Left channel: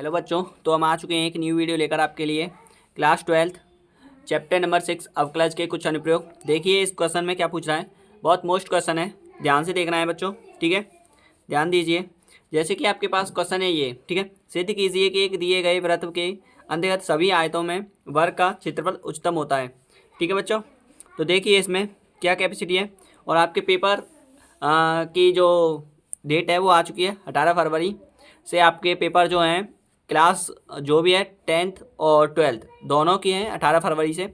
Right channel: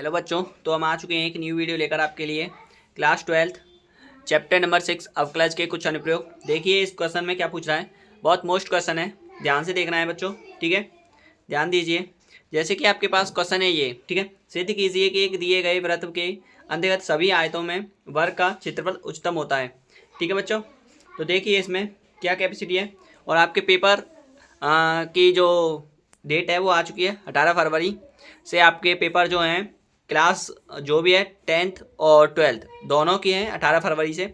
Hello बच्चों, तो हम आ चुके हैं एक न्यू वीडियो लेकर आपके लिए। क्लास 12 चैप्टर नंबर 6 अवकलज के कुछ अनुप्रयोग। देखिए इस क्वेश्चन में क्या पूछ रहा है। बहुत मोस्ट क्वेश्चन है, ध्यान से देखना है बच्चों, ठीक है। ध्यान दीजिए। जैसे कि आपके पास क्वेश्चन है ये, ठीक है। सिद्ध कीजिए कि एक दिए गए वृत्त के अंतर्गत सभी आयतों में वर्ग का क्षेत्रफल उच्चतम होता है, ठीक है बच्चों। तो देखिए इसमें क्या कैपेसिटी है और आपके पेपर की जो डेट है वो आ चुकी है 18 फरवरी से। आपके पेपर जो हैं क्लास जो भी है 10th और 12th दोनों की हैं 18 फरवरी से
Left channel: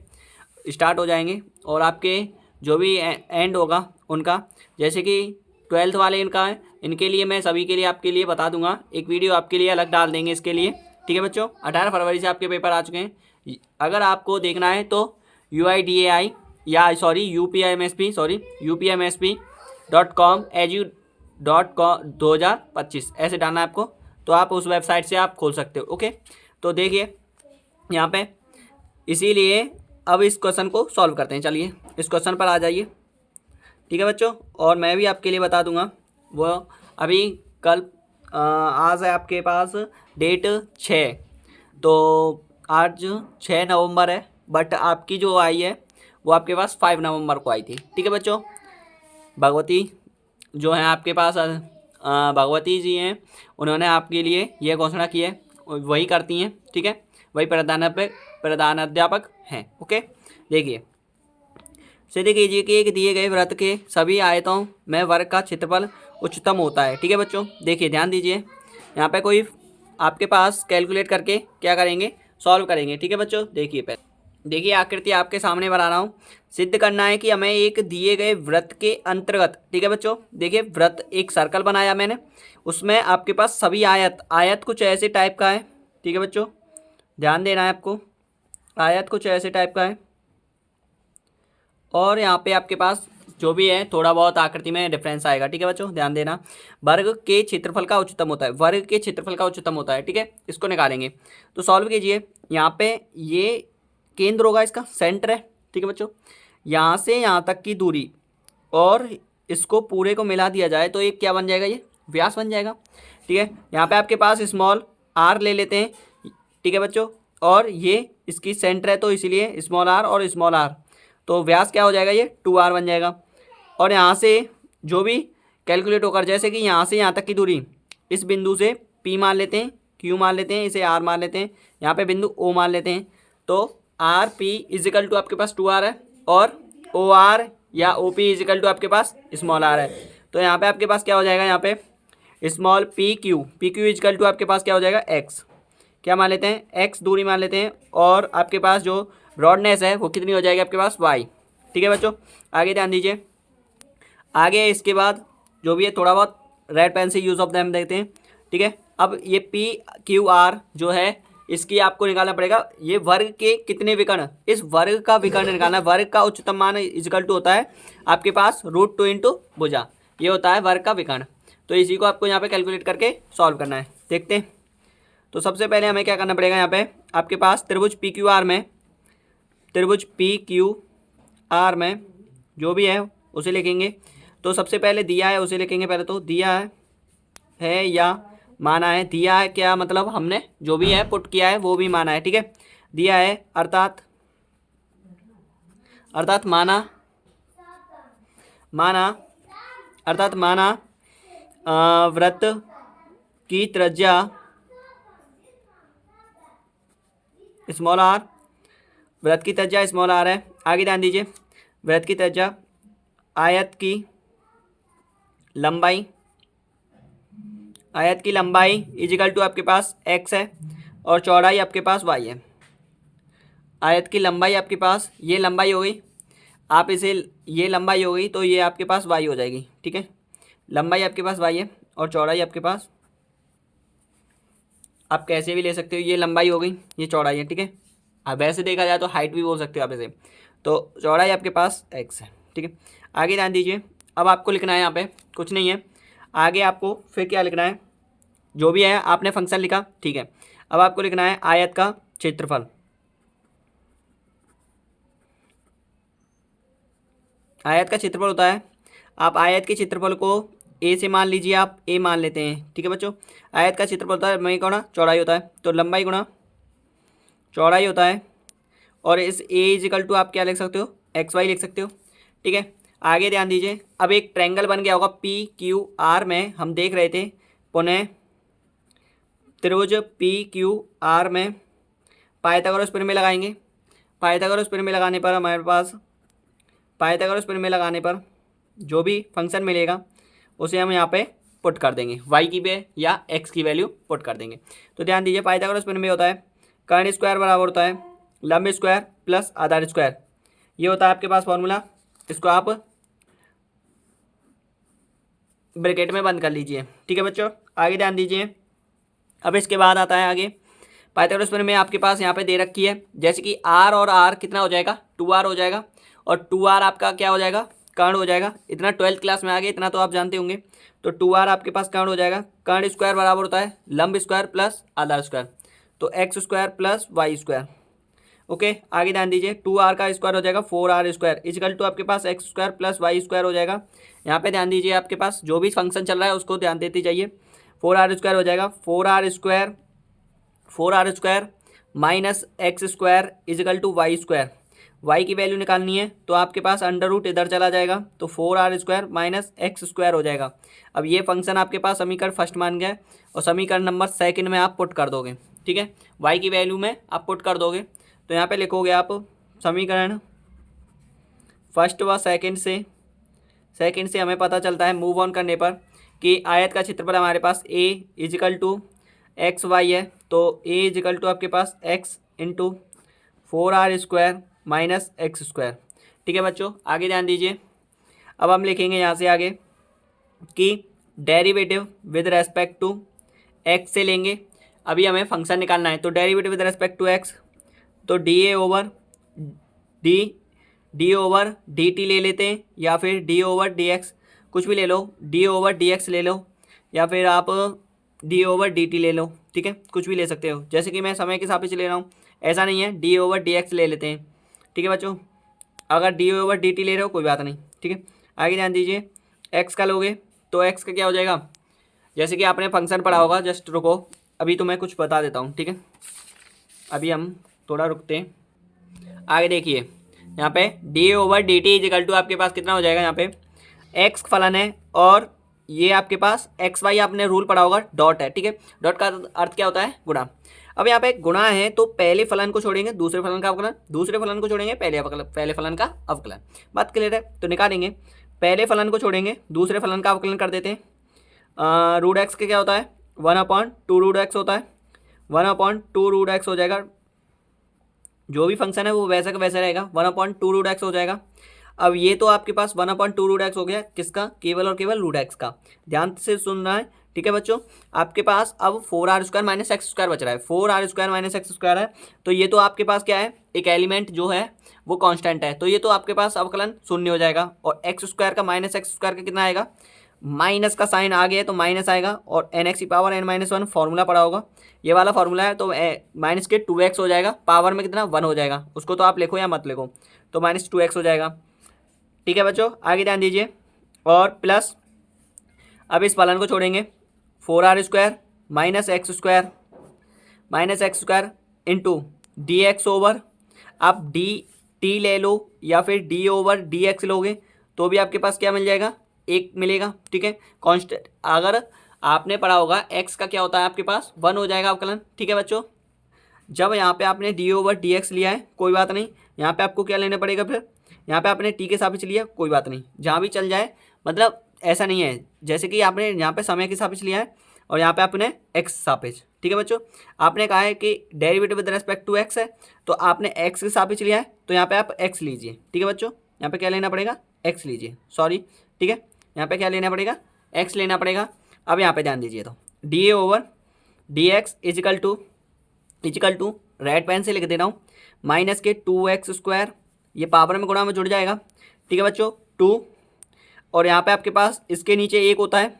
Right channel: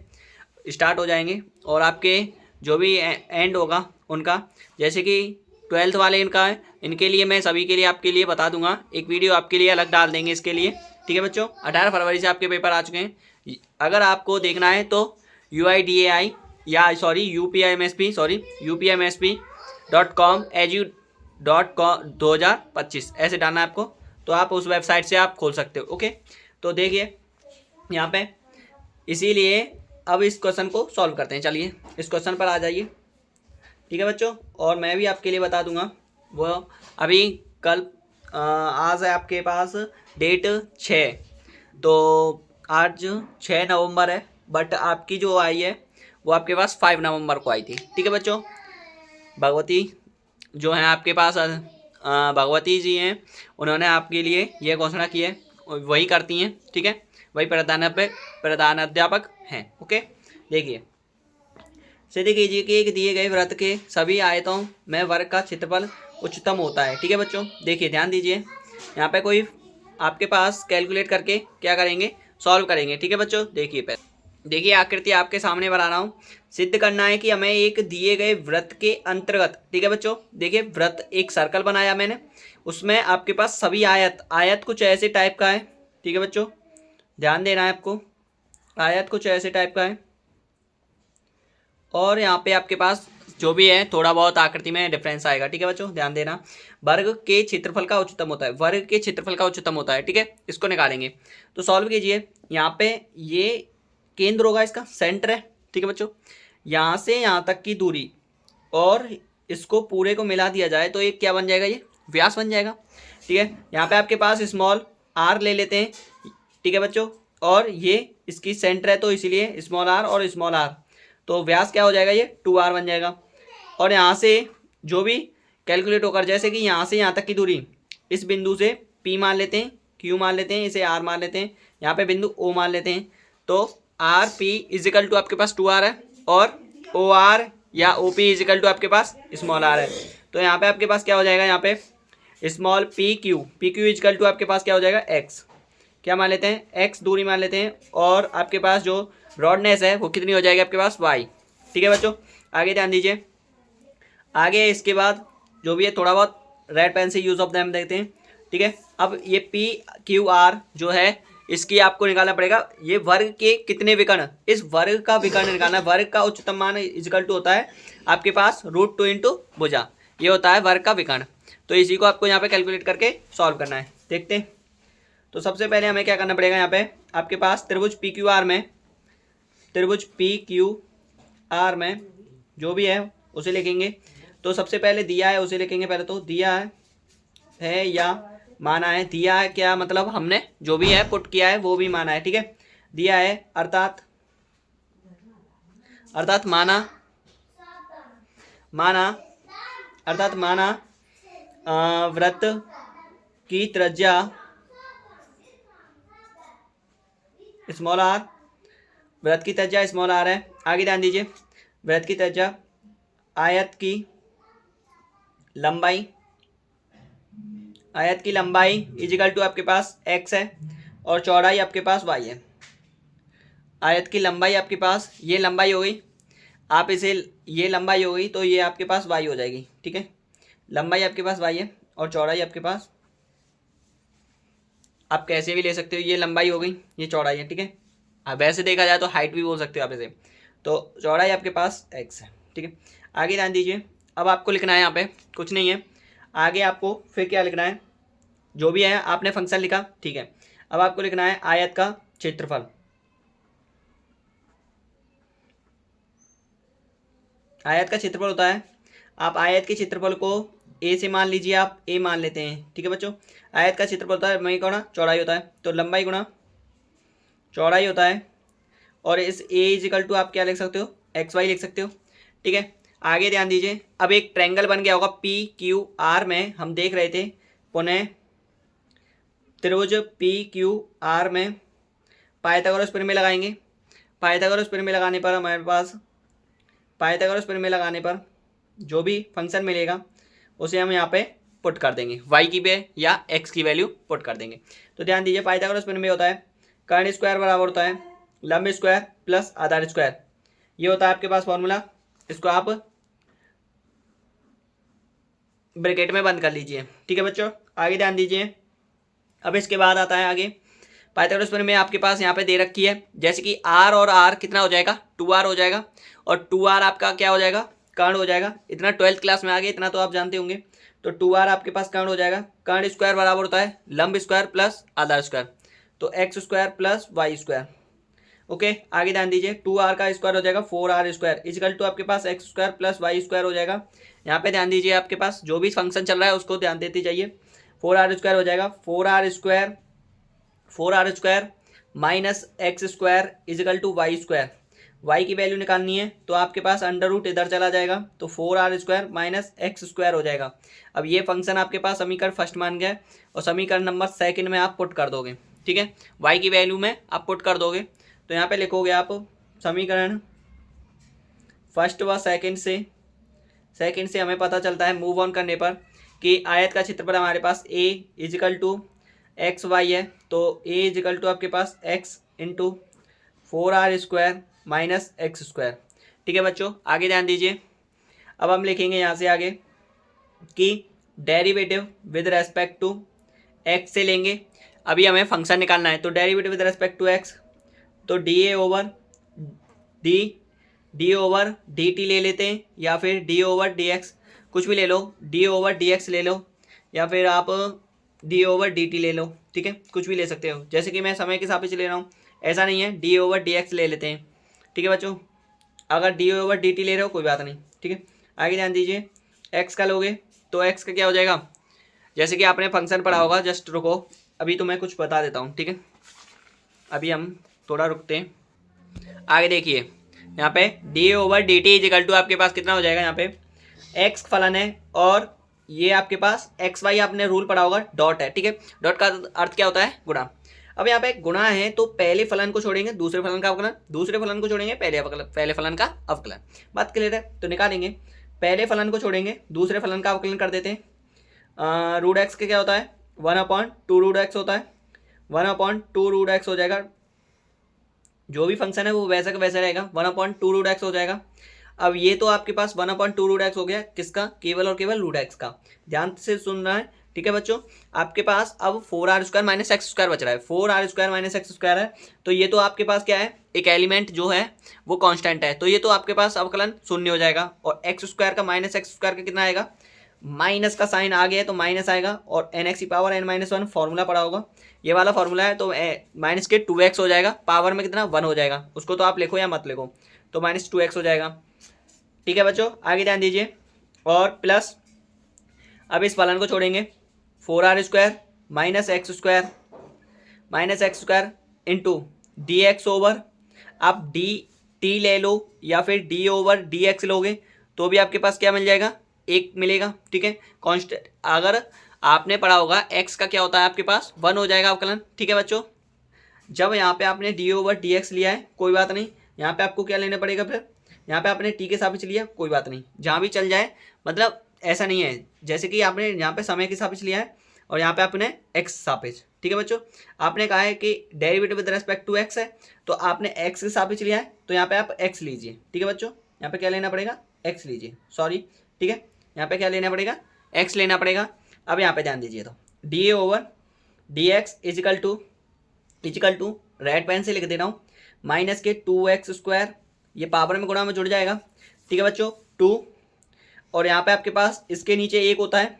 स्टार्ट हो जाएंगे। और आपके जो भी एंड होगा उनका, जैसे कि 12th वाले इनका है, इनके लिए मैं सभी के लिए आपके लिए बता दूंगा, एक वीडियो आपके लिए अलग डाल देंगे इसके लिए, ठीक है बच्चों। 18 फरवरी से आपके पेपर आ चुके हैं। अगर आपको देखना है तो UIDAI या सॉरी UPMSP.com edu.com 2025 ऐसे डालना है आपको, तो आप उस वेबसाइट से आप खोल सकते हो, ओके। तो देखिए यहाँ पे, इसीलिए अब इस क्वेश्चन को सॉल्व करते हैं। चलिए इस क्वेश्चन पर आ जाइए, ठीक है बच्चों। और मैं भी आपके लिए बता दूंगा वो अभी कल आज है आपके पास डेट 6, तो आज 6 नवंबर है, बट आपकी जो आई है वो आपके पास 5 नवंबर को आई थी, ठीक है बच्चों। भगवती जो हैं आपके पास भगवती जी हैं, उन्होंने आपके लिए यह घोषणा की है, वही करती हैं, ठीक है। वही प्रधानाध्यापक हैं, ओके। देखिए सिद्ध कीजिए कि एक दिए गए वृत्त के सभी आयतों में वर्ग का क्षेत्रफल उच्चतम होता है, ठीक है बच्चों। देखिए ध्यान दीजिए, यहाँ पे कोई आपके पास कैलकुलेट करके क्या करेंगे, सॉल्व करेंगे, ठीक है बच्चों। देखिए पहले देखिए आकृति आपके सामने बना रहा हूँ। सिद्ध करना है कि हमें एक दिए गए वृत्त के अंतर्गत, ठीक है बच्चों। देखिए वृत्त एक सर्कल बनाया मैंने, उसमें आपके पास सभी आयत कुछ ऐसे टाइप का है, ठीक है बच्चों। ध्यान देना है आपको, आयत कुछ ऐसे टाइप का है। और यहाँ पे आपके पास जो भी है थोड़ा बहुत आकृति में डिफरेंस आएगा, ठीक है बच्चों। ध्यान देना, वर्ग के क्षेत्रफल का उच्चतम होता है, वर्ग के क्षेत्रफल का उच्चतम होता है, ठीक है। इसको निकालेंगे तो सॉल्व कीजिए। यहाँ पे ये केंद्र होगा, इसका सेंटर है, ठीक है बच्चों। यहाँ से यहाँ तक की दूरी और इसको पूरे को मिला दिया जाए तो ये क्या बन जाएगा, ये व्यास बन जाएगा, ठीक है। यहाँ पे आपके पास स्मॉल r ले लेते हैं, ठीक है बच्चों। और ये इसकी सेंटर है तो इसीलिए स्मॉल r और स्मॉल r, तो व्यास क्या हो जाएगा, ये 2r बन जाएगा। और यहाँ से जो भी कैलकुलेट होकर, जैसे कि यहाँ से यहाँ तक की दूरी, इस बिंदु से p मान लेते हैं, q मान लेते हैं, इसे r मान लेते हैं, यहाँ पे बिंदु o मान लेते हैं। तो आर पी इजिकल टू आपके पास 2r है और ओ आर या ओ पी इजिकल टू आपके पास स्मॉल r है। तो यहाँ पे आपके पास क्या हो जाएगा, यहाँ पे small p q equal to आपके पास क्या हो जाएगा, x क्या मान लेते हैं, x दूरी मान लेते हैं। और आपके पास जो ब्रॉडनेस है वो कितनी हो जाएगी आपके पास, y, ठीक है बच्चों। आगे ध्यान दीजिए, आगे इसके बाद जो भी है थोड़ा बहुत रेड पेन से यूज ऑफ दैम देखते हैं, ठीक है। अब ये पी क्यू आर जो है इसकी आपको निकालना पड़ेगा, ये वर्ग के कितने विकर्ण, इस वर्ग का विकर्ण निकालना है। वर्ग का उच्चतम मान इजिकल टू होता है आपके पास √2 इंटू भुजा, ये होता है वर्ग का विकर्ण। तो इसी को आपको यहाँ पे कैलकुलेट करके सॉल्व करना है, देखते हैं। तो सबसे पहले हमें क्या करना पड़ेगा, यहाँ पे आपके पास त्रिभुज पी क्यू आर में जो भी है उसे लिखेंगे। तो सबसे पहले दिया है उसे लिखेंगे, पहले तो दिया है या माना है। दिया है क्या मतलब, हमने जो भी है पुट किया है वो भी माना है, ठीक है। दिया है अर्थात माना अर्थात माना वृत्त की त्रिज्या स्मॉल आर, वृत्त की त्रिज्या स्मॉल आर है। आगे ध्यान दीजिए, वृत्त की त्रिज्या, आयत की लंबाई इजिकल टू आपके पास x है और चौड़ाई आपके पास y है। आयत की लंबाई आपके पास, ये लंबाई हो गई, आप इसे ये लंबाई हो गई तो ये आपके पास y हो जाएगी, ठीक है। लंबाई आपके पास y है और चौड़ाई आपके पास, आप कैसे भी ले सकते हो, ये लंबाई हो गई ये चौड़ाई है, ठीक है। अब वैसे देखा जाए तो हाइट भी बोल सकते हो आप इसे। तो चौड़ाई आपके पास x है, ठीक है। आगे ध्यान दीजिए, अब आपको लिखना है यहाँ पे कुछ नहीं है, आगे आपको फिर क्या लिखना है, जो भी है आपने फंक्शन लिखा, ठीक है। अब आपको लिखना है आयत का क्षेत्रफल। आयत का क्षेत्रफल होता है, आप आयत के क्षेत्रफल को ए से मान लीजिए, आप ए मान लेते हैं, ठीक है बच्चों। आयत का क्षेत्रफल होता है लंबाई गुणा चौड़ाई होता है, तो लंबाई गुणा चौड़ाई होता है। और इस ए इजिकल टू आप क्या लिख सकते हो, एक्स वाई लिख सकते हो। ठीक है, आगे ध्यान दीजिए, अब एक ट्रायंगल बन गया होगा पी क्यू आर में, हम देख रहे थे पुनः त्रिभुज पी क्यू आर में पाइथागोरस प्रमेय लगाएंगे। पाइथागोरस प्रमेय लगाने पर हमारे पास पाइथागोरस प्रमेय लगाने पर जो भी फंक्शन मिलेगा उसे हम यहाँ पे पुट कर देंगे, वाई की वैल्यू या एक्स की वैल्यू पुट कर देंगे। तो ध्यान दीजिए, पाइथागोरस प्रमेय होता है कर्ण स्क्वायर बराबर होता है लंब स्क्वायर प्लस आधार स्क्वायर, ये होता है आपके पास फॉर्मूला। इसको आप ब्रैकेट में बंद कर लीजिए। ठीक है बच्चों, आगे ध्यान दीजिए। अब इसके बाद आता है आगे पाइथागोरस प्रमेय आपके पास यहाँ पे दे रखी है, जैसे कि आर और आर कितना हो जाएगा, 2r हो जाएगा, और 2r आपका क्या हो जाएगा, कर्ण हो जाएगा। इतना 12th क्लास में आ गए, इतना तो आप जानते होंगे। तो 2r आपके पास कर्ण हो जाएगा। कर्ण स्क्वायर बराबर होता है लंब स्क्वायर प्लस आधार स्क्वायर, तो x square plus Y square. Okay, आगे ध्यान दीजिए, 2r का स्क्वायर हो जाएगा 4r स्क्वायर इजिकल टू आपके पास X square plus Y square हो जाएगा। यहाँ पे ध्यान दीजिए, आपके पास जो भी फंक्शन चल रहा है उसको ध्यान देते जाइए। 4r स्क्वायर हो जाएगा 4r square minus x square equal to y square. Y की वैल्यू निकालनी है तो आपके पास अंडर रूट इधर चला जाएगा, तो 4r square minus x square हो जाएगा। अब ये फंक्शन आपके पास समीकरण फर्स्ट मान गया है, और समीकरण नंबर सेकंड में आप पुट कर दोगे। ठीक है, वाई की वैल्यू में आप पुट कर दोगे, तो यहाँ पे लिखोगे आप समीकरण फर्स्ट व सेकंड से हमें पता चलता है मूव ऑन करने पर कि आयत का क्षेत्रफल हमारे पास A equal to X Y है, तो ए इजिकल टू आपके पास X into 4r square minus x square. ठीक है बच्चों, आगे ध्यान दीजिए। अब हम लिखेंगे यहाँ से आगे कि derivative with respect to x से लेंगे। अभी हमें फंक्शन निकालना है, तो derivative with respect to x, तो डी ओवर डी टी ले लेते हैं, या फिर डी ओवर डी एक्स, कुछ भी ले लो, डी ओवर डी एक्स ले लो, या फिर आप डी ओवर डी टी ले लो। ठीक है, कुछ भी ले सकते हो, जैसे कि मैं समय के सापेक्ष ले रहा हूँ, ऐसा नहीं है, डी ओवर डी एक्स ले लेते हैं। ठीक है बच्चों, अगर डी ओवर डी टी ले रहे हो कोई बात नहीं। ठीक है, आगे ध्यान दीजिए, एक्स का लोगे तो एक्स का क्या हो जाएगा, जैसे कि आपने फंक्शन पढ़ा होगा, जस्ट रुको अभी तो मैं कुछ बता देता हूँ। ठीक है, अभी हम थोड़ा रुकते हैं। आगे देखिए, यहाँ पे d over d t equal to आपके पास कितना हो जाएगा, यहाँ पे एक्स फलन है और ये आपके पास एक्स वाई आपने रूल पढ़ा होगा, डॉट है। ठीक है, डॉट का अर्थ क्या होता है, गुणा। अब यहाँ पे गुणा है तो पहले फलन को छोड़ेंगे दूसरे फलन का अवकलन, दूसरे फलन को छोड़ेंगे पहले फलन का अवकलन। बात क्लियर है, तो निकालेंगे, पहले फलन को छोड़ेंगे दूसरे फलन का अवकलन कर देते हैं। रूट एक्स के क्या होता है, 1/2 रूट एक्स होता है, 1/2 रूट एक्स हो जाएगा। जो भी फंक्शन है वो वैसा का वैसा रहेगा, 1/2 रूट एक्स हो जाएगा। अब ये तो आपके पास 1/2 रूट एक्स हो गया, किसका, केवल और केवल रूट एक्स का। ध्यान से सुनना है। ठीक है बच्चों, आपके पास अब 4r square minus x square बच रहा है, 4r square minus x square है, तो ये तो आपके पास क्या है, एक एलिमेंट जो है वो कांस्टेंट है, तो ये तो आपके पास अवकलन शून्य हो जाएगा। और एक्स स्क्वायर का माइनस एक्स स्क्वायर का कितना आएगा, माइनस का साइन आ गया है तो माइनस आएगा, और एन की पावर n-1 फॉर्मूला पड़ा होगा, ये वाला फॉर्मूला है, तो माइनस के 2x हो जाएगा, पावर में कितना 1 हो जाएगा, उसको तो आप लिखो या मत लिखो, तो -2x हो जाएगा। ठीक है बच्चों, आगे ध्यान दीजिए, और प्लस अब इस फलन को छोड़ेंगे, 4r square minus x square into D x over, आप डी टी ले लो या फिर डी ओवर डी एक्स लोगे तो भी आपके पास क्या मिल जाएगा, एक मिलेगा। ठीक है, कांस्टेंट अगर आपने पढ़ा होगा एक्स का क्या होता है आपके पास 1 हो जाएगा अवकलन। ठीक है बच्चों, जब यहाँ पे आपने डी ओवर डी एक्स लिया है कोई बात नहीं, यहाँ पे आपको क्या लेना पड़ेगा, फिर यहाँ पे आपने टी के सापेक्ष लिया कोई बात नहीं, जहाँ भी चल जाए, मतलब ऐसा नहीं है जैसे कि आपने यहाँ पे समय के सापेक्ष लिया है और यहाँ पे आपने एक्स सापेक्ष। ठीक है बच्चों, आपने कहा है कि derivative with respect to x है, तो आपने एक्स के सापेक्ष लिया है तो यहाँ पे आप एक्स लीजिए। ठीक है बच्चों, यहाँ पे क्या लेना पड़ेगा, एक्स लीजिए, सॉरी। ठीक है, यहाँ पे क्या लेना पड़ेगा, एक्स लेना पड़ेगा। अब यहाँ पे ध्यान दीजिए, तो d over d x equal to right pen से लिख दे रहा हूँ, माइनस के 2x स्क्वायर, ये पावर में गुणा में जुड़ जाएगा। ठीक है बच्चों, 2, और यहाँ पे आपके पास इसके नीचे एक होता है,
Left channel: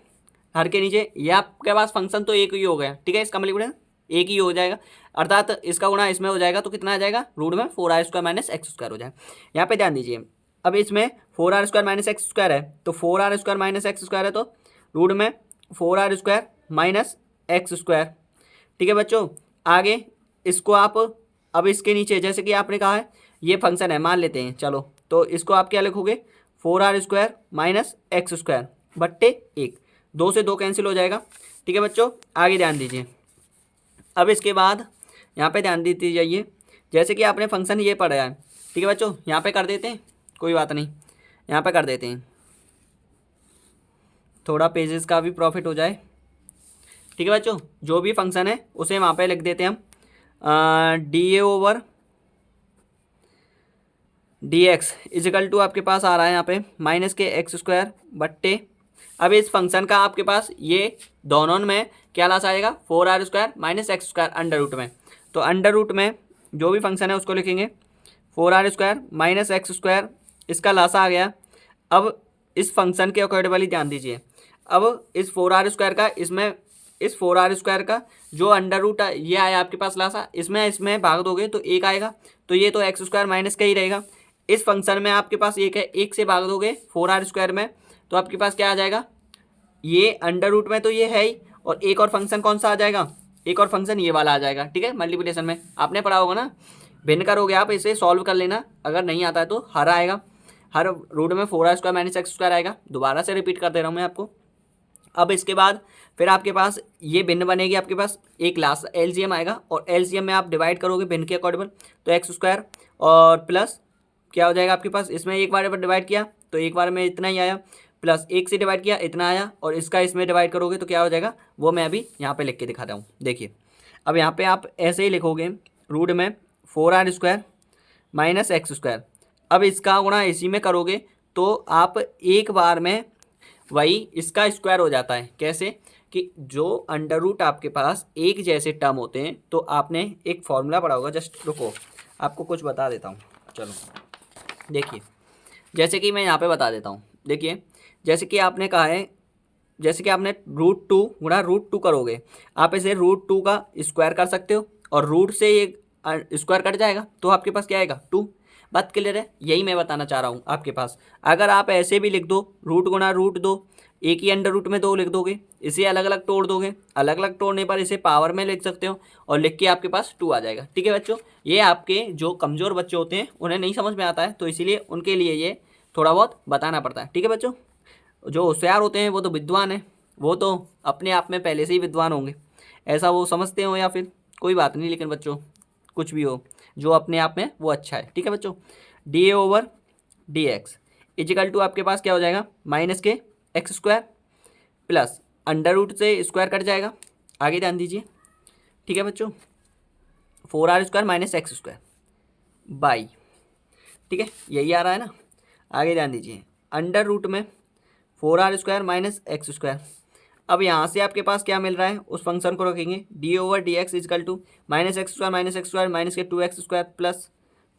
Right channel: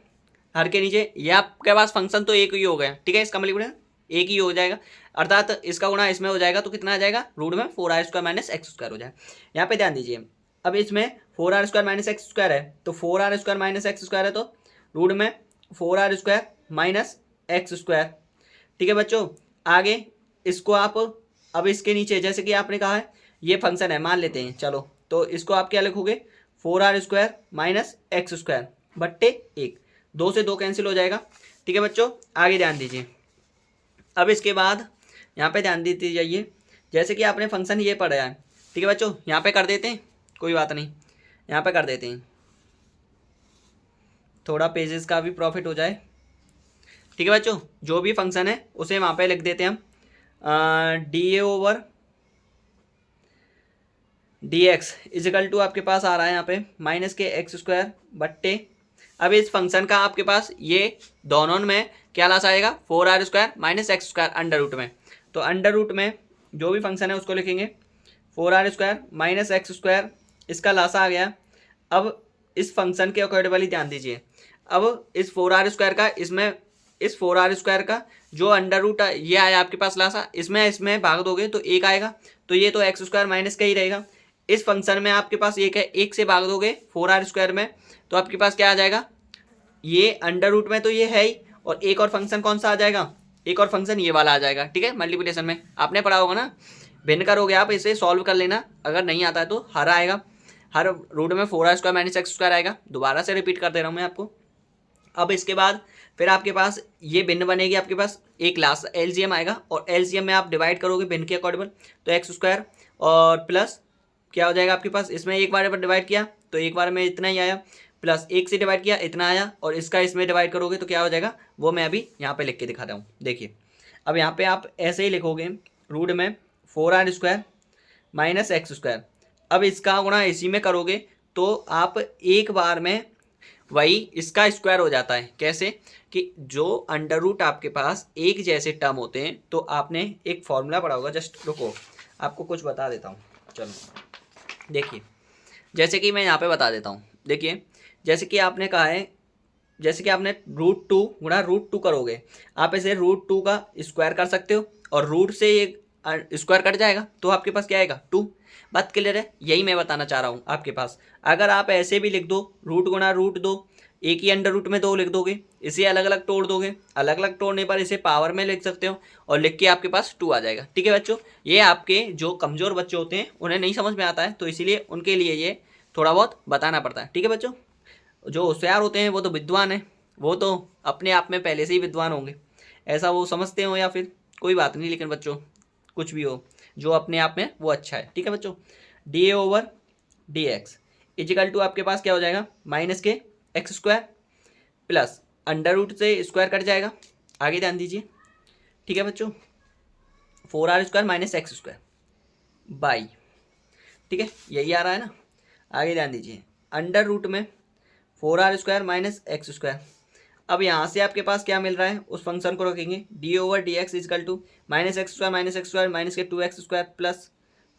हर के नीचे, ये आपके पास फंक्शन तो एक ही हो गया। ठीक है, इसका मतलब एक ही हो जाएगा, अर्थात इसका गुणा इसमें हो जाएगा, तो कितना आ जाएगा, रूट में 4r square minus x square हो जाएगा। यहाँ पे ध्यान दीजिए, अब इसमें 4r square minus x square है, तो 4r square minus x square है, तो रूट में 4r square minus x square. ठीक है बच्चों, आगे इसको आप अब इसके नीचे जैसे कि आपने कहा है ये फंक्शन है मान लेते हैं, चलो तो इसको आप क्या लिखोगे, 4r² माइनस एक्स स्क्वायर बट्टे 1, 2 से 2 कैंसिल हो जाएगा। ठीक है बच्चों, आगे ध्यान दीजिए। अब इसके बाद यहाँ पे ध्यान देते जाइए, जैसे कि आपने फंक्शन ये पढ़ा है। ठीक है बच्चों, यहाँ पे कर देते हैं, कोई बात नहीं, यहाँ पे कर देते हैं, थोड़ा पेजेस का भी प्रॉफिट हो जाए। ठीक है बच्चों, जो भी फंक्शन है उसे वहाँ पे लिख देते हैं हम, dA/dx इजिकल टू आपके पास आ रहा है यहाँ पे माइनस के एक्स स्क्वायर बट्टे। अब इस फंक्शन का आपके पास ये दोनों में क्या लास आएगा, 4r² minus x square under root में। तो अंडर रूट में जो भी फंक्शन है उसको लिखेंगे 4r² माइनस एक्स स्क्वायर, इसका लासा आ गया। अब इस फंक्शन के अकॉर्डिंगली ध्यान दीजिए, अब इस 4r² का इसमें, इस 4r² का जो अंडर रूट ये आया आपके पास लासा, इसमें भाग दोगे तो 1 आएगा, तो ये तो एक्स स्क्वायर माइनस का ही रहेगा। इस फंक्शन में आपके पास 1 है, 1 से भाग दोगे 4r² में तो आपके पास क्या आ जाएगा, ये अंडर रूट में तो ये है ही, और एक और फंक्शन कौन सा आ जाएगा, एक और फंक्शन ये वाला आ जाएगा। ठीक है, मल्टीप्लिकेशन में आपने पढ़ा होगा ना, भिन्न करोगे आप, इसे सॉल्व कर लेना, अगर नहीं आता है तो हर आएगा, हर रूट में 4r² माइनस एक्स स्क्वायर आएगा। दोबारा से रिपीट कर दे रहा हूँ मैं आपको। अब इसके बाद फिर आपके पास ये भिन्न बनेगी, आपके पास एक लास्ट एलसीएम आएगा, और एलसीएम में आप डिवाइड करोगे भिन्न के अकॉर्डिंग, तो एक्स स्क्वायर और प्लस क्या हो जाएगा आपके पास, इसमें एक बार डिवाइड किया तो एक बार में इतना ही आया, प्लस 1 से डिवाइड किया इतना आया, और इसका इसमें डिवाइड करोगे तो क्या हो जाएगा, वो मैं अभी यहाँ पे लिख के दिखाता हूँ। देखिए अब यहाँ पे आप ऐसे ही लिखोगे, रूट में 4r² माइनस एक्स स्क्वायर, अब इसका गुणा इसी में करोगे तो आप एक बार में वही इसका स्क्वायर हो जाता है। कैसे कि जो अंडर रूट आपके पास एक जैसे टर्म होते हैं, तो आपने एक फॉर्मूला पढ़ा होगा, जस्ट रुको आपको कुछ बता देता हूँ। चलो देखिए, जैसे कि मैं यहाँ पे बता देता हूँ, देखिए जैसे कि आपने कहा है, जैसे कि आपने √2 गुणा √2 करोगे, आप इसे √2 का स्क्वायर कर सकते हो, और रूट से एक स्क्वायर कट जाएगा तो आपके पास क्या आएगा 2। बात क्लियर है, यही मैं बताना चाह रहा हूँ आपके पास। अगर आप ऐसे भी लिख दो, रूट गुणा √2, एक ही अंडर रूट में 2 लिख दोगे, इसे अलग अलग तोड़ दोगे, अलग अलग तोड़ने पर इसे पावर में लिख सकते हो, और लिख के आपके पास 2 आ जाएगा। ठीक है बच्चों, ये आपके जो कमज़ोर बच्चे होते हैं उन्हें नहीं समझ में आता है, तो इसीलिए उनके लिए ये थोड़ा बहुत बताना पड़ता है। ठीक है बच्चों, जो होशियार होते हैं वो तो विद्वान हैं, वो तो अपने आप में पहले से ही विद्वान होंगे, ऐसा वो समझते हो या फिर कोई बात नहीं, लेकिन बच्चों कुछ भी हो, जो अपने आप में वो अच्छा है। ठीक है बच्चों, dA/dx इजिकल टू आपके पास क्या हो जाएगा, माइनस के x square plus under root से स्क्वायर कट जाएगा, आगे ध्यान दीजिए। ठीक है बच्चों, 4r² minus x square by, ठीक है यही आ रहा है ना, आगे ध्यान दीजिए, अंडर रूट में 4r² माइनस एक्स स्क्वायर। अब यहाँ से आपके पास क्या मिल रहा है, उस फंक्शन को रखेंगे, dA/dx equal to minus x square minus के 2x स्क्वायर प्लस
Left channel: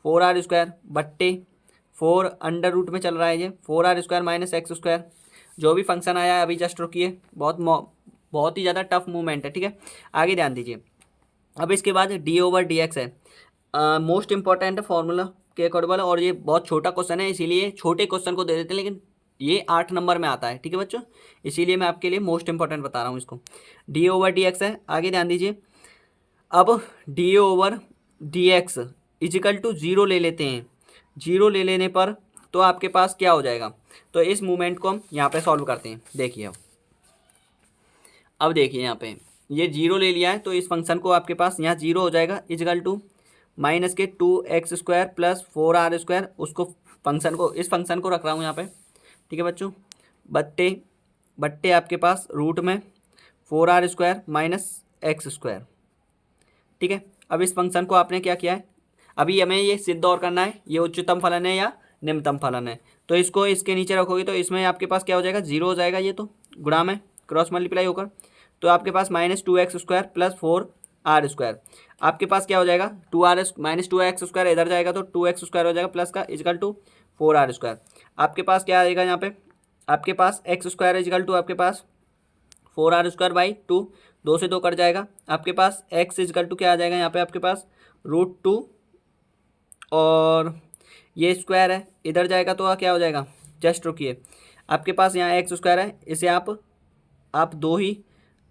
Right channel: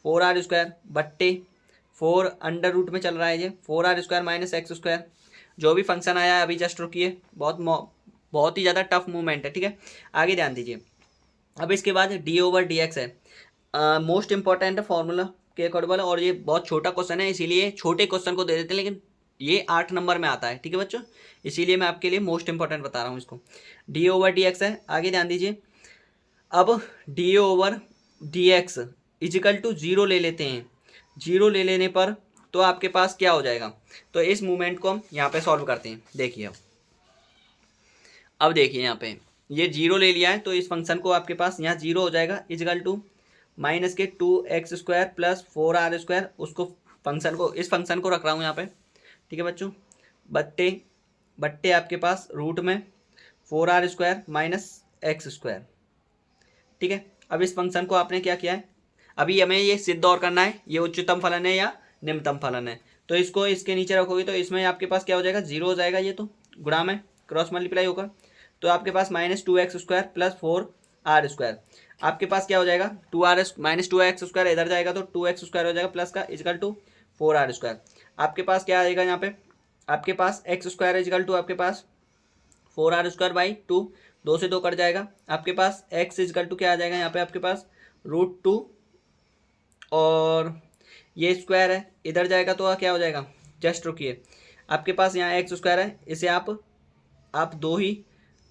4r² बट्टे 4 अंडर रूट में चल रहा है ये 4r² माइनस एक्स स्क्वायर। जो भी फंक्शन आया है अभी जस्ट रुकिए, बहुत ही ज़्यादा टफ मूवमेंट है। ठीक है, आगे ध्यान दीजिए। अब इसके बाद dA/dx है, मोस्ट इंपॉर्टेंट फॉर्मूला के अकॉर्डिंग, और ये बहुत छोटा क्वेश्चन है, इसीलिए छोटे क्वेश्चन को दे देते हैं, लेकिन ये 8 नंबर में आता है। ठीक है बच्चों, इसीलिए मैं आपके लिए मोस्ट इंपॉर्टेंट बता रहा हूँ इसको। dA/dx है, आगे ध्यान दीजिए। अब dA/dx इजिकल टू 0 ले लेते हैं, 0 ले लेने पर तो आपके पास क्या हो जाएगा, तो इस मूवमेंट को हम यहाँ पे सॉल्व करते हैं। देखिए अब देखिए यहाँ पे ये 0 ले लिया है, तो इस फंक्शन को आपके पास यहाँ 0 हो जाएगा, इजिकल टू माइनस के 2x स्क्वायर प्लस 4r², उसको फंक्शन को, इस फंक्शन को रख रहा हूँ यहाँ पे। ठीक है बच्चों, बट्टे बट्टे आपके पास रूट में 4r² माइनस एक्स स्क्वायर। ठीक है, अब इस फंक्शन को आपने क्या किया है, अभी हमें ये सिद्ध और करना है ये उच्चतम फलन है या निम्नतम फलन है, तो इसको इसके नीचे रखोगे तो इसमें आपके पास क्या हो जाएगा, 0 हो जाएगा, ये तो गुणा में क्रॉस मल्टीप्लाई होकर, तो आपके पास minus 2x square plus 4r², आपके पास क्या हो जाएगा 2r माइनस 2x स्क्वायर इधर जाएगा तो 2x स्क्वायर हो जाएगा प्लस का इजकल टू 4r²। आपके पास क्या आएगा यहाँ पे, आपके पास एक्स स्क्वायर इजकल टू आपके पास 4r² बाई 2, 2 से 2 कट जाएगा, आपके पास x इजकल टू क्या आ जाएगा यहाँ पे आपके पास √2, और ये स्क्वायर है इधर जाएगा तो क्या हो जाएगा, जस्ट रुकिए, आपके पास यहाँ एक्स स्क्वायर है, इसे आप दो ही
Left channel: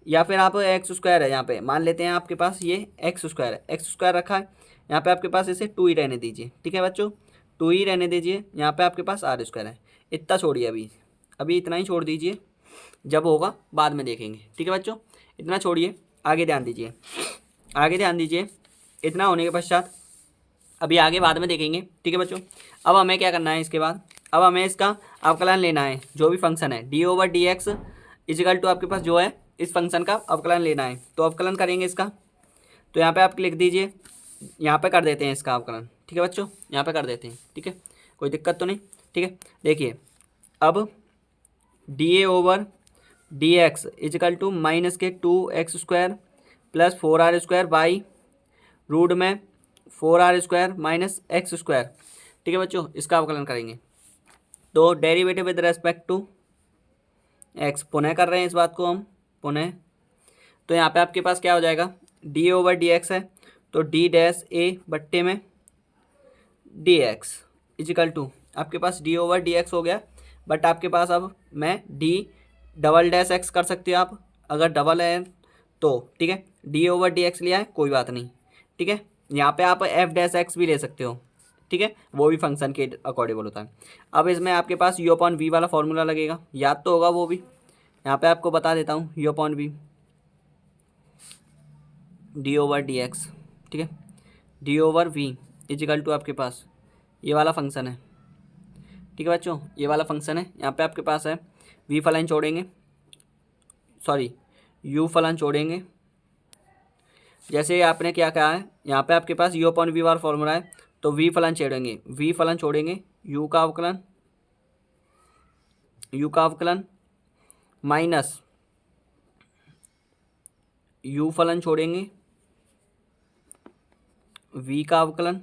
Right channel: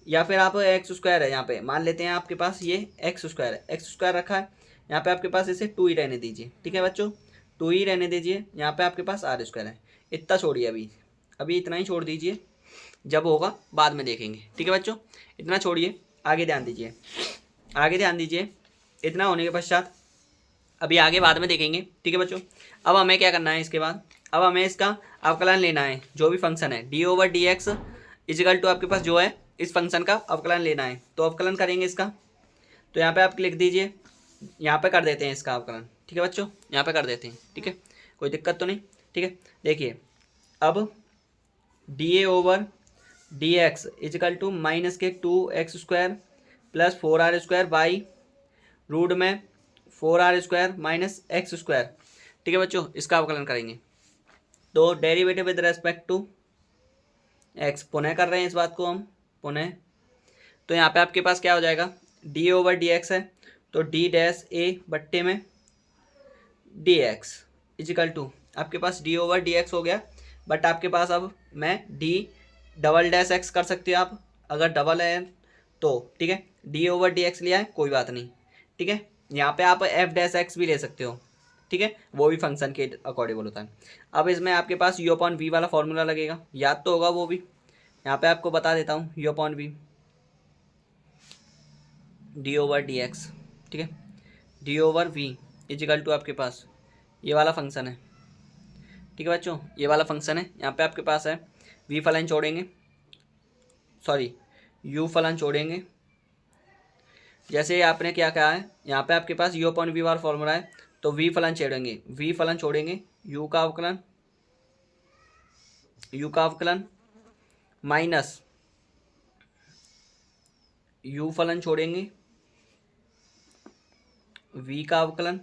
या फिर आप एक्स स्क्वायर है यहाँ पे मान लेते हैं, आपके पास ये एक्स स्क्वायर है, एक्स स्क्वायर रखा है यहाँ पे आपके पास, इसे 2 ही रहने दीजिए। ठीक है बच्चों, 2 ही रहने दीजिए। यहाँ पे आपके पास आर स्क्वायर है, इतना छोड़िए, अभी अभी इतना ही छोड़ दीजिए, जब होगा बाद में देखेंगे। ठीक है बच्चों, इतना छोड़िए, आगे ध्यान दीजिए, आगे ध्यान दीजिए। इतना होने के पश्चात अभी आगे बाद में देखेंगे। ठीक है बच्चों, अब हमें क्या करना है इसके बाद, अब हमें इसका अवकलन लेना है, जो भी फंक्शन है d over d x equal to आपके पास जो है इस फंक्शन का अवकलन लेना है। तो अवकलन करेंगे इसका, तो यहाँ पे आप लिख दीजिए, यहाँ पे कर देते हैं इसका अवकलन। ठीक है बच्चों, यहाँ पे कर देते हैं। ठीक है, कोई दिक्कत तो नहीं। ठीक है, देखिए अब d a over d x equal to minus के 2x² plus 4r² by root में 4r² माइनस x²। ठीक है बच्चों, इसका अवकलन करेंगे। तो derivative with respect to x, पुनः कर रहे हैं इस बात को हम, पुनः। तो यहाँ पे आपके पास क्या हो जाएगा, डी ओवर डी एक्स है, तो डी डैश ए बट्टे में डी एक्स इजिकल टू आपके पास डी ओवर डी एक्स हो गया। बट आपके पास अब मैं डी डबल डैश एक्स कर सकते हो आप, अगर डबल है तो। ठीक है, डी ओवर डी एक्स लिया है, कोई बात नहीं। ठीक है, यहाँ पे आप एफ डैश एक्स भी ले सकते हो। ठीक है, वो भी फंक्शन के अकॉर्डिंगल होता है। अब इसमें आपके पास यू अपॉन वी वाला फॉर्मूला लगेगा, याद तो होगा वो भी, यहाँ पे आपको बता देता हूँ, u upon v d over d x. ठीक है, d over v equal to आपके पास ये वाला फंक्शन है। ठीक है बच्चों, ये वाला फंक्शन है, यहाँ पे आपके पास है वी फलन छोड़ेंगे, सॉरी यू फलन छोड़ेंगे। जैसे आपने क्या कहा है, यहाँ पे आपके पास यू अपॉन वी वाला फॉर्मूला है, तो वी फलन छोड़ेंगे, वी फलन छोड़ेंगे, यू का अवकलन, यू का अवकलन माइनस यू फलन छोड़ेंगे, वी का अवकलन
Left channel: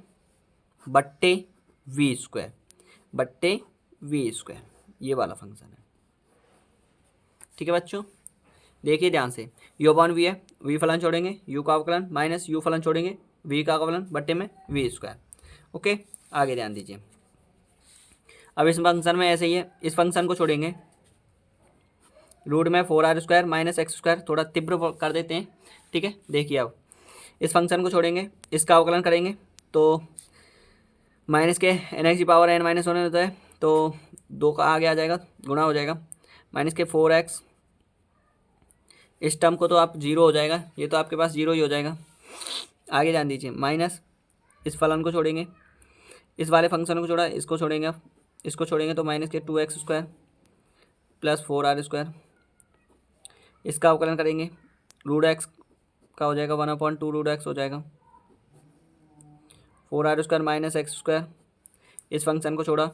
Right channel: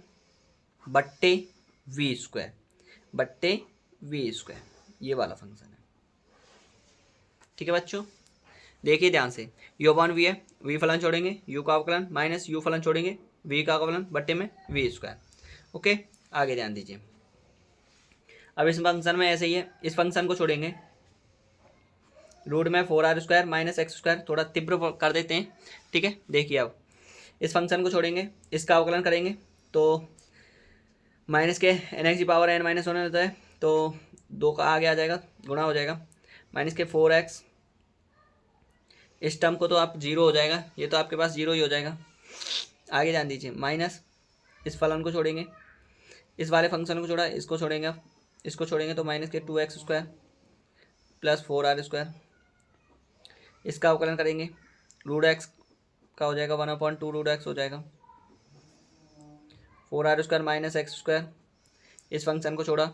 बट्टे वी स्क्वायर, बट्टे वी स्क्वायर, ये वाला फंक्शन है। ठीक है बच्चों, देखिए ध्यान से, यू अपॉन वी है, वी फलन छोड़ेंगे, यू का अवकलन माइनस यू फलन छोड़ेंगे, वी का अवकलन बट्टे में वी स्क्वायर। ओके, आगे ध्यान दीजिए। अब इस फंक्शन में ऐसे ही है, इस फंक्शन को छोड़ेंगे, रूट में 4r² माइनस x², थोड़ा तीव्र कर देते हैं। ठीक है, देखिए अब इस फंक्शन को छोड़ेंगे, इसका अवकलन करेंगे, तो माइनस के n की पावर n माइनस होने होता है, तो 2 का आगे आ जाएगा, गुणा हो जाएगा, माइनस के 4x, इस टर्म को तो आप 0 हो जाएगा, ये तो आपके पास 0 ही हो जाएगा। आगे ध्यान दीजिए, माइनस इस फलन को छोड़ेंगे, इस वाले फंक्शन को छोड़ा, इसको छोड़ेंगे, आप इसको छोड़ेंगे तो माइनस के 2x² प्लस 4r², इसका अवकलन करेंगे, रूट एक्स का हो जाएगा 1/2 रूट एक्स हो जाएगा, 4r² माइनस x², इस फंक्शन को छोड़ा,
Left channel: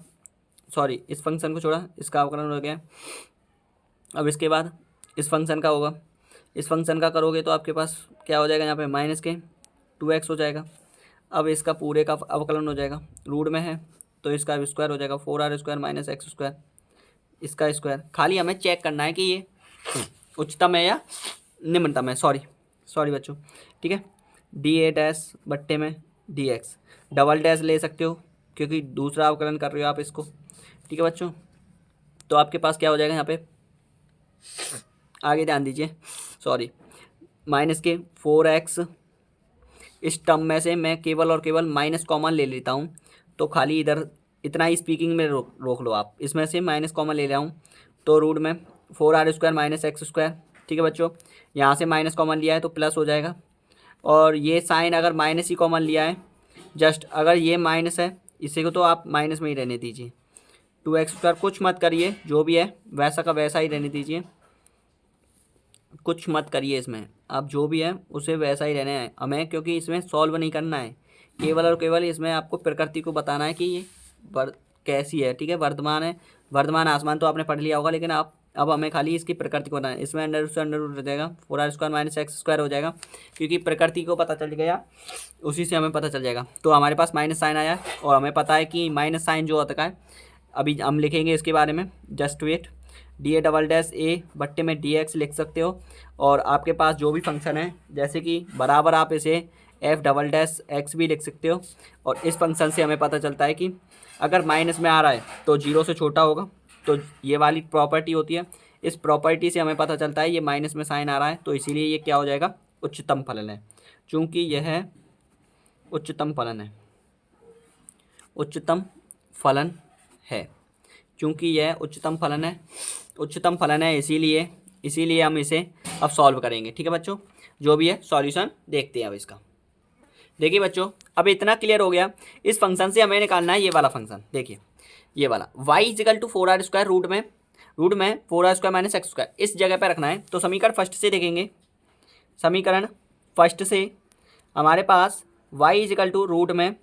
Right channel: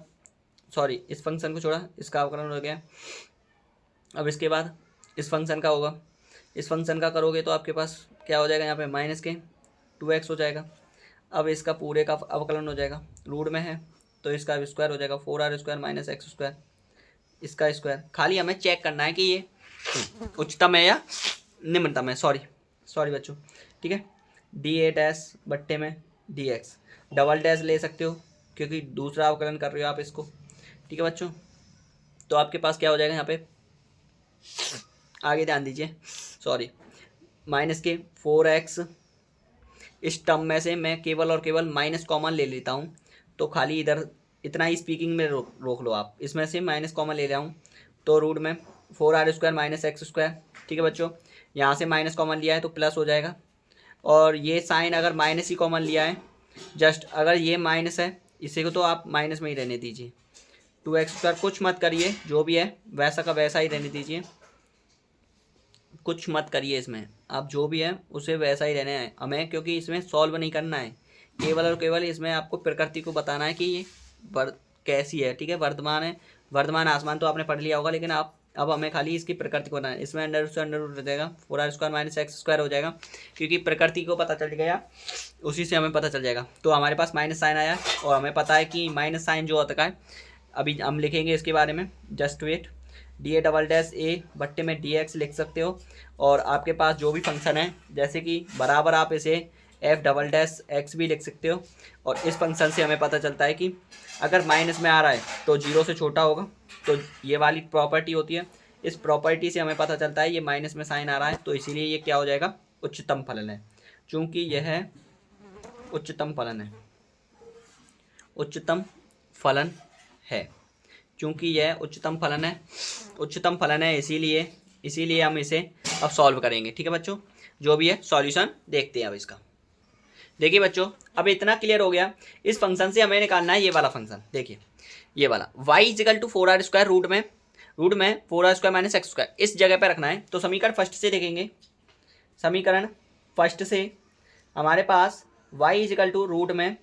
सॉरी इस फंक्शन को छोड़ा, इसका अवकलन हो गया। अब इसके बाद इस फंक्शन का होगा, इस फंक्शन का करोगे तो आपके पास क्या हो जाएगा, यहाँ पे माइनस के 2x हो जाएगा। अब इसका पूरे का अवकलन हो जाएगा, रूट में है तो इसका स्क्वायर हो जाएगा, 4r² माइनस x², इसका स्क्वायर। खाली हमें चेक करना है कि ये उच्चतम है या निम्नतम है, सॉरी बच्चों। ठीक है, डी ए डैश बट्टे में डी एक्स, डबल डैश ले सकते हो क्योंकि दूसरा अवकलन कर रहे हो आप इसको। ठीक है बच्चों, तो आपके पास क्या हो जाएगा यहाँ पे, आगे ध्यान दीजिए, सॉरी माइनस के 4x, इस टर्म में से मैं केवल और केवल माइनस कॉमन ले लेता हूँ, तो खाली इधर इतना ही स्पीकिंग में रोक लो आप, इसमें से माइनस कॉमन ले रहा हूँ, तो रूट में 4r² माइनस x²। ठीक है बच्चों, यहाँ से माइनस कॉमन लिया है तो प्लस हो जाएगा, और ये साइन अगर माइनस ही कॉमन लिया है, जस्ट अगर ये माइनस है इसी को तो आप माइनस में ही रहने दीजिए, 2x² कुछ मत करिए, जो भी है वैसा का वैसा ही रहने दीजिए, कुछ मत करिए इसमें, आप जो भी है उसे वैसा ही रहना है हमें, क्योंकि इसमें सॉल्व नहीं करना है, केवल और केवल इसमें आपको प्रकृति को बताना है कि ये कैसी है। ठीक है, वर्तमान है, वर्तमान आसमान तो आपने पढ़ लिया होगा, लेकिन आप अब हमें खाली इसकी प्रकृति को बताना है। इसमें अंडर से अंडर रूट रह जाएगा, 4r² माइनस x² हो जाएगा, क्योंकि प्रकृति को पता चल गया, उसी से हमें पता चल जाएगा। तो हमारे पास माइनस साइन आया और हमें पता है कि माइनस साइन जो होता है, अभी हम लिखेंगे इसके बारे में, just wait, D A double dash A बट्टे में डी एक्स लिख सकते हो, और आपके पास जो भी फंक्शन है जैसे कि बराबर आप इसे एफ डबल डैश एक्स भी लिख सकते हो। और इस फंक्शन से हमें पता चलता है कि अगर माइनस में आ रहा है तो 0 से छोटा होगा, तो ये वाली प्रॉपर्टी होती है, इस प्रॉपर्टी से हमें पता चलता है, ये माइनस में साइन आ रहा है तो इसीलिए ये क्या हो जाएगा, उच्चतम फलन है। चूंकि यह उच्चतम फलन है, उच्चतम फलन है, चूंकि यह उच्चतम फलन है, उच्चतम फलन है, इसीलिए हम इसे अब सॉल्व करेंगे। ठीक है बच्चों, जो भी है सॉल्यूशन देखते हैं अब इसका। देखिए बच्चों, अब इतना क्लियर हो गया। इस फंक्शन से हमें निकालना है ये वाला फंक्शन। देखिए ये वाला y is equal to 4r² root में 4r² माइनस x², इस जगह पे रखना है। तो समीकरण फर्स्ट से देखेंगे, समीकरण फर्स्ट से हमारे पास y इजिकल टू रूट में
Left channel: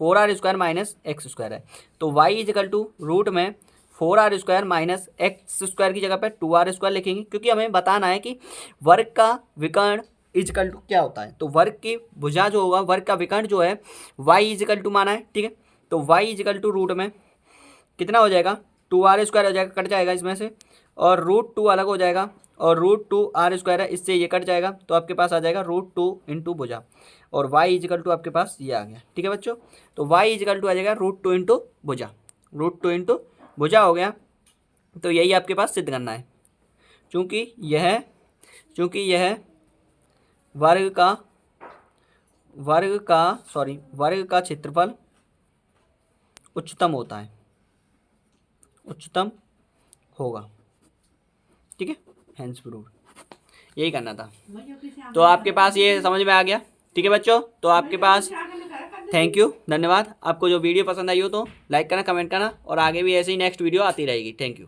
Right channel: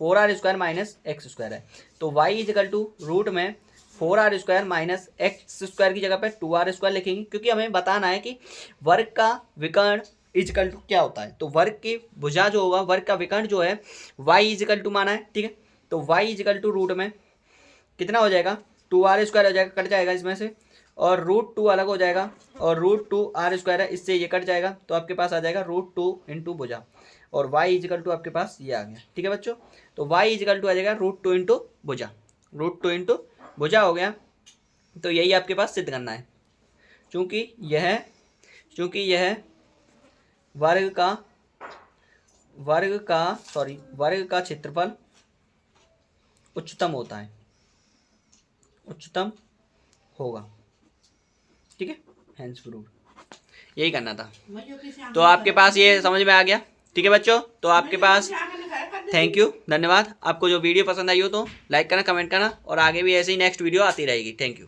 4r² माइनस x² है। तो y इजिकल टू रूट में 4r² माइनस x² की जगह पे 2r² लिखेंगे, क्योंकि हमें बताना है कि वर्ग का विकर्ण इजिकल टू क्या होता है। तो वर्ग की भुजा जो होगा, वर्ग का विकर्ण जो है y इजिकल टू माना है। ठीक है, तो y इजिकल टू रूट में कितना हो जाएगा, 2r² हो जाएगा, कट जाएगा इसमें से, और √2 अलग हो जाएगा, और √2r² है, इससे ये कट जाएगा, तो आपके पास आ जाएगा √2 इंटू भुजा, और y इजिकल टू आपके पास ये आ गया। ठीक है बच्चों, तो y इजिकल टू आ जाएगा √2 इंटू भुजा, √2 इंटू भुजा हो गया। तो यही आपके पास सिद्ध करना है, चूँकि यह वर्ग का क्षेत्रफल उच्चतम होता है, उच्चतम होगा। ठीक है, हेंस प्रूव्ड, यही करना था। तो आपके पास ये समझ में आ गया। ठीक है बच्चों, तो आपके पास थैंक यू, धन्यवाद। आपको जो वीडियो पसंद आई हो तो लाइक करना, कमेंट करना, और आगे भी ऐसे ही नेक्स्ट वीडियो आती रहेगी। Thank you.